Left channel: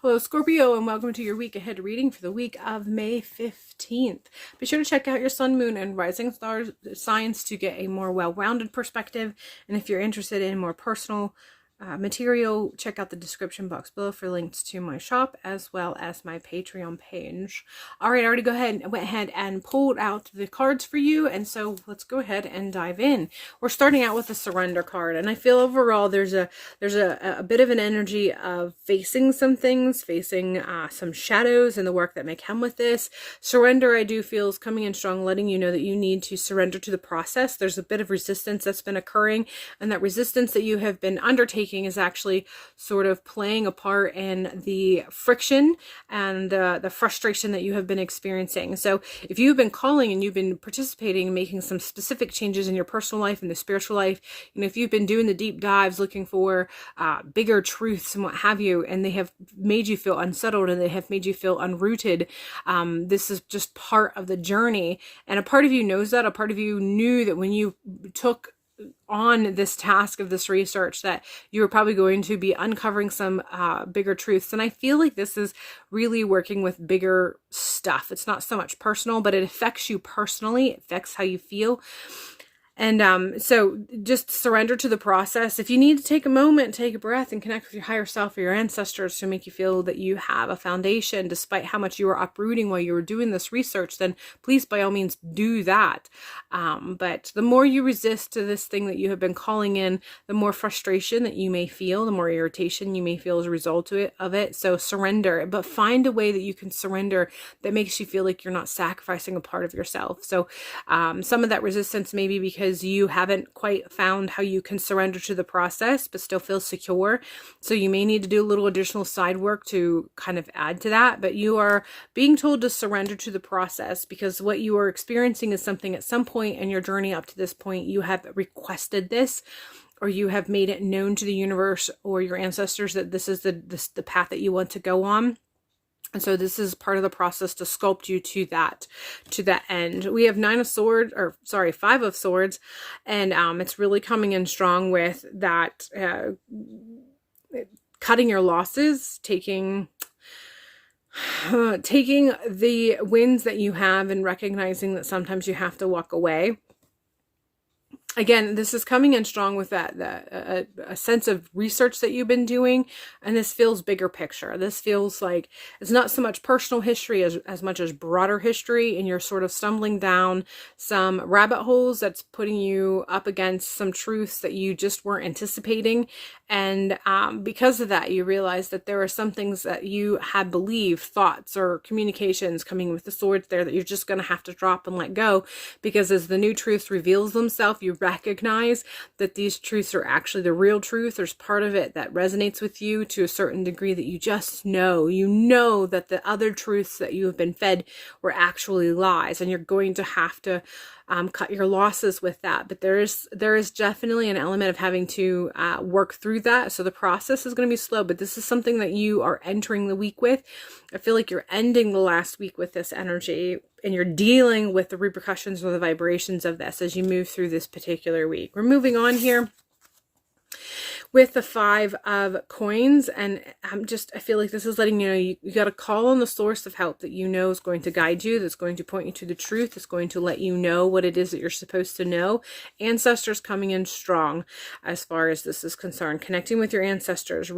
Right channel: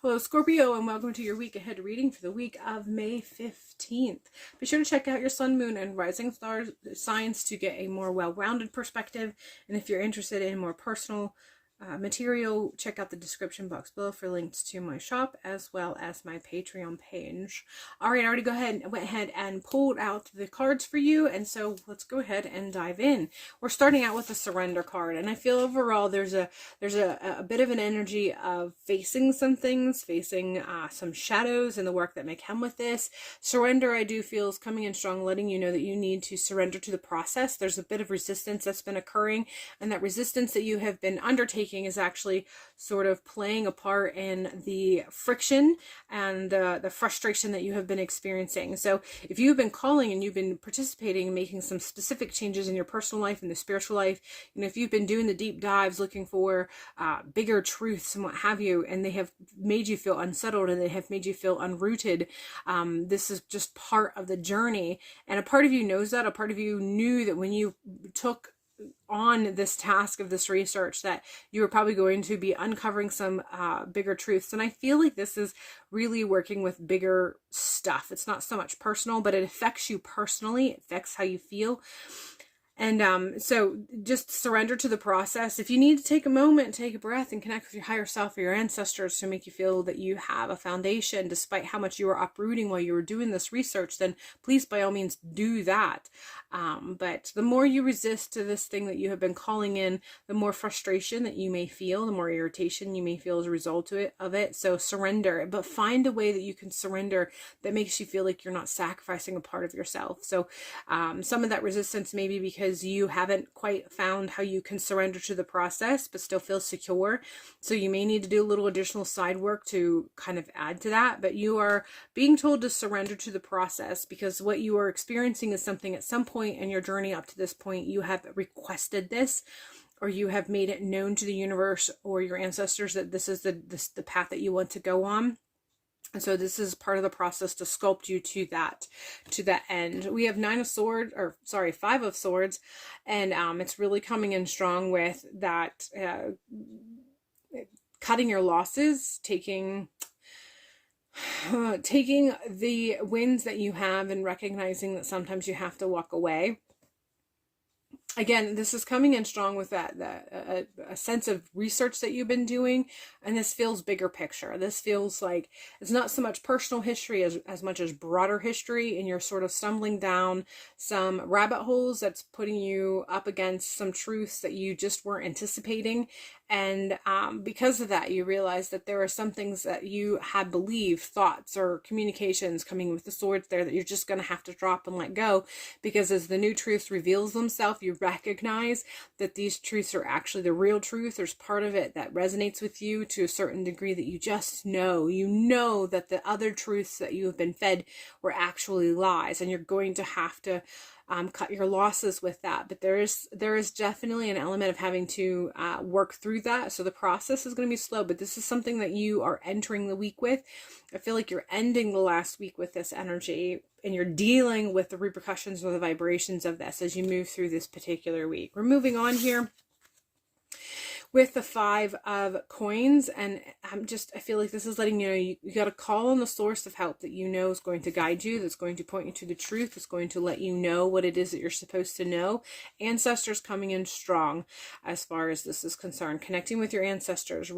Hello, Scorpio, and welcome to your week ahead reading for the week of May 15th. Be sure to check out your sun, moon, and rising star signs to get a more well-rounded perspective. And if you're interested in more personal material, check out the description box below for links to my shop as well as my Patreon page. All right, I already went ahead and pulled out the cards for you, and so let's go ahead and dive in. We're starting out with the surrender card, and I feel overall there's a bit of an energy of facing some things, facing some shadows and the work that may come with this. Surrender, I do feel, is coming in strong, letting you know that you need to surrender to the process. There's a bit of resistance that's been occurring, and that resistance that you have been undertaking is actually sort of playing a part in the friction and the frustration that you have been experiencing. So if you've been calling and you've been participating, making some specific changes in your personal life and the spiritual life, and if you've been doing the deep dives looking for bigger truths and what have you, and they have made you feel unsettled and they have made you feel unrooted, this is just part of the journey. And a part of you knows that. A part of you knew that when you took on this task of this research that you were probably going to be uncovering some bigger truths. And I feel like this is really working with bigger stuff. It's not so much personal, but it affects you personally. It affects how you feel. And so just surrender to the process. If you need to take a moment, take a breath and connect with your higher self or your ancestors to make you feel that you have a foundation despite how much you were uprooting while you were doing this research, then please by all means do that. But the more you resist to this thing that you have been calling in, the more frustration that you may feel, the more irritation you may feel as a result of it. So surrender, but find a way that you can surrender that makes you feel like you're not sacrificing a part of yourself. So some of that resistance may be because you haven't quite found how you can surrender to the process but still feel secure. So you may need to do a little additional side work to kind of add to that, but you are being told to surrender to the process because what you are experiencing is something at some point in your journey up to this point you have requested this, or you have made it known to the universe or your ancestors that this is the path that you want to go on. And so this is part of the process to sculpt you to that end. We have 5 of swords, and it's really coming in strong with that cutting your losses, taking the wins that you have and recognizing that sometimes you have to walk away. Again, this is coming in strong with a sense of research that you've been doing, and this feels bigger picture. This feels like it's not so much personal history as much as broader history, and you're sort of stumbling down some rabbit holes that's putting you up against some truths that you just weren't anticipating. And because of that, you realize that there are some things that you had believed, thoughts or communications coming with the swords there, that you're just going to have to drop and let go, because as the new truth reveals themselves, you recognize that these truths are actually the real truth. There's part of it that resonates with you to a certain degree that you just know. You know that the other truths that you have been fed were actually lies, and you're going to have to cut your losses with that. But there is definitely an element of having to work through that. So the process is going to be slow, but this is something that you are entering the week with. I feel like you're ending the last week with this energy, and you're dealing with the repercussions or the vibrations of this as you move through this particular week. We're moving on here with the 5 of coins, and I feel like this is letting you know you got to call on the source of help that you know is going to guide you, that's going to point you to the truth, that's going to let you know what it is that you're supposed to know. Ancestors coming in strong as far as this is concerned. Connecting with your ancestors,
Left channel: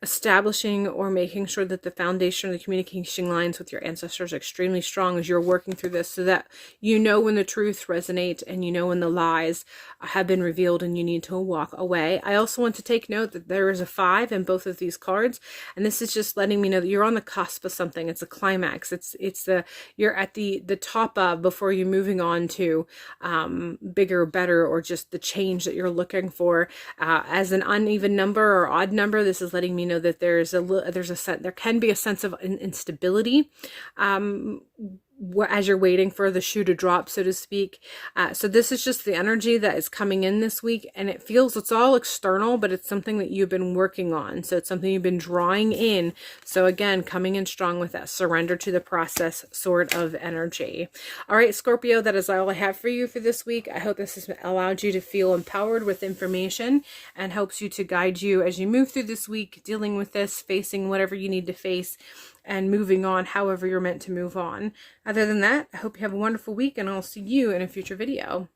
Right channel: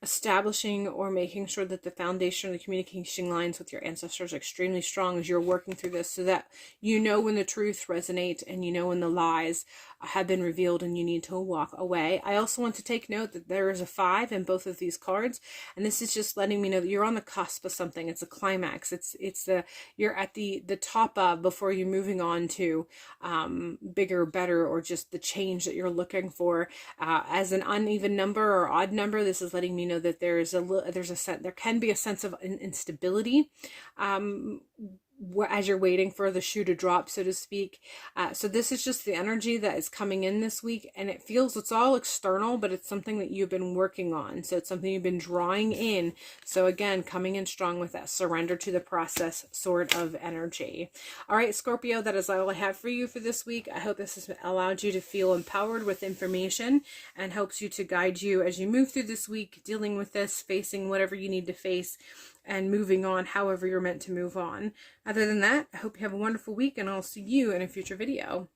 establishing or making sure that the foundation of the communication lines with your ancestors are extremely strong as you're working through this, so that you know when the truth resonates and you know when the lies have been revealed and you need to walk away. I also want to take note that there is a 5 in both of these cards, and this is just letting me know that you're on the cusp of something. It's a climax. You're at the top of before you're moving on to bigger, better, or just the change that you're looking for. As an uneven number or odd number, this is letting me know that there can be a sense of instability as you're waiting for the shoe to drop, so to speak. So this is just the energy that is coming in this week, and it feels it's all external, but it's something that you've been working on. So it's something you've been drawing in. So again, coming in strong with that surrender to the process sort of energy. All right, Scorpio, that is all I have for you for this week. I hope this has allowed you to feel empowered with information and helps you to guide you as you move through this week, dealing with this, facing whatever you need to face, and moving on however you're meant to move on. Other than that, I hope you have a wonderful week, and I'll see you in a future video.